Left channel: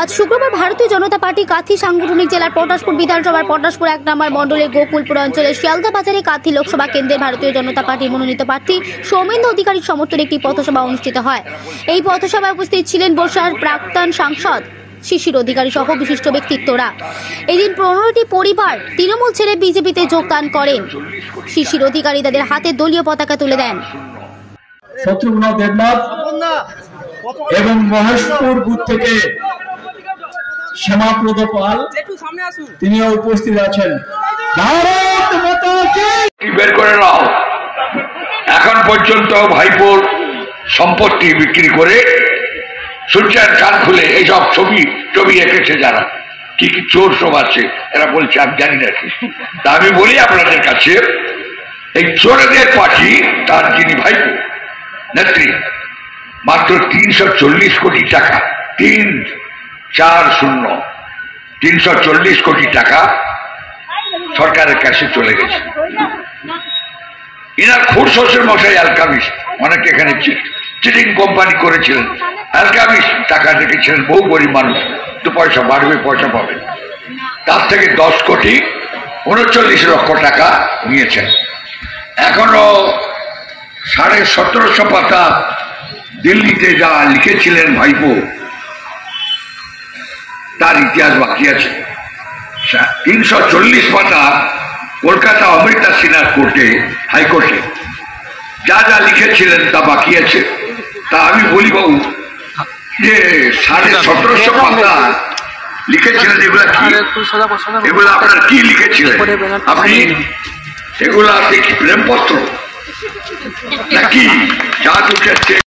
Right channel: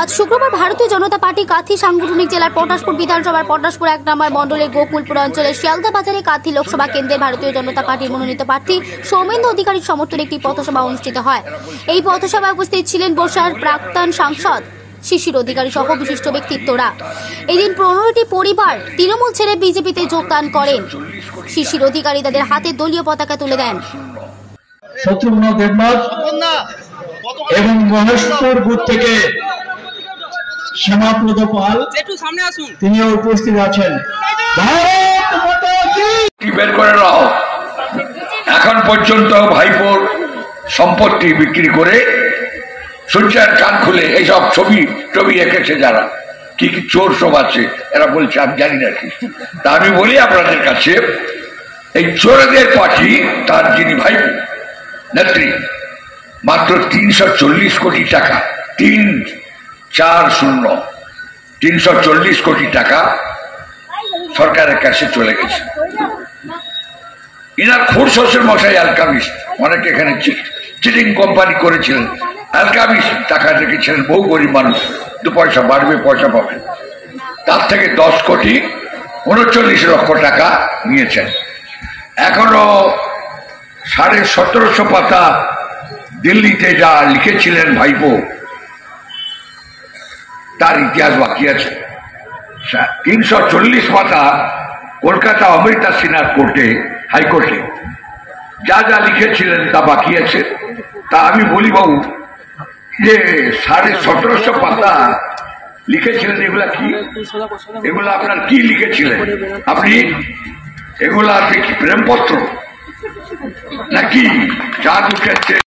আজ শুক্রবার ভারতীয় জনতা পার্টি কাঁথি সাংগঠনিক জেলার পটাশপুর বিধানসভার পটাশপুর ১ নম্বর মণ্ডলের গোকুলপুর অঞ্চলের শিয়ালদা বাজারে কাঁথি লোকসভা কেন্দ্রের ভারতীয় জনতা পার্টির মনোনীত প্রার্থী সৌমেন্দু অধিকারীর সমর্থনে একটি পথসভা অনুষ্ঠিত হয়। এই পথসভায় উপস্থিত ছিলেন বর্ষার প্রাক্তন সাংসদ শিশির অধিকারী সহ বিশিষ্ট ব্যক্তিত্বরা। এদিন ১৫টি পরিবার তৃণমূল ছেড়ে বিজেপিতে যোগদান করেন। শিশির অধিকারী তাদের হাতে দলীয় পতাকা তুলে দেন। শত্রুঘ্ন দেবনাথ এবং মহেশপুর বুথ থেকে শ্যামাপ্রদ পাল তিনিও উপস্থিত আছেন। ভারত মাতা কি। বের করে নাও। এখন পর্যন্ত ভাইপোর সম্পত্তি বিক্রি করে সূর্যের কান খুলে এইসব ছবি এঁকেছে যারা, কি কি চোর সব আছে এরা বলছে আমি জানি না। তা আমি বলি আপনাদের কাছে, এই চোরদের পার্টি তার যিনি ভাইপো নেত্রী মাত্র ৩৪০ কোটি টাকা, ৩40 কোটি টাকা সরকারের কাছে চলে গেছে। ইনার খুর শ্বশুর মশাই অ্যালকামিস্ট, অনেকে এখানে চিটিং কোম্পানি করেছিলেন, অ্যালকামিস্ট টাকা রেখেছিলেন। বহু গরিব মানুষ, দু পয়সা বাড়বে, পয়সা পাবে। তার থেকে 10 কোটি 39 লক্ষ টাকা নিয়েছেন। এখনো 1750 পাতা দিল্লিতে যা লিখেছিলেন ভাইপো, তার ইতিহাস বাকি আছে। 340 পাতা কলকাতা অমৃতা সিনহা কোর্টে, হাইকোর্টে যা যা লিখেছিলেন তা বাকি আছে। তা আমি বলি বাবু যে 1750 পাতা লিখেছিলেন, এগুলা কি? এগুলো আপনার কি লিখেছিলেন আপনি? এগুলো আপনি কি প্রেমপত্র নাকি যা উঠেছে?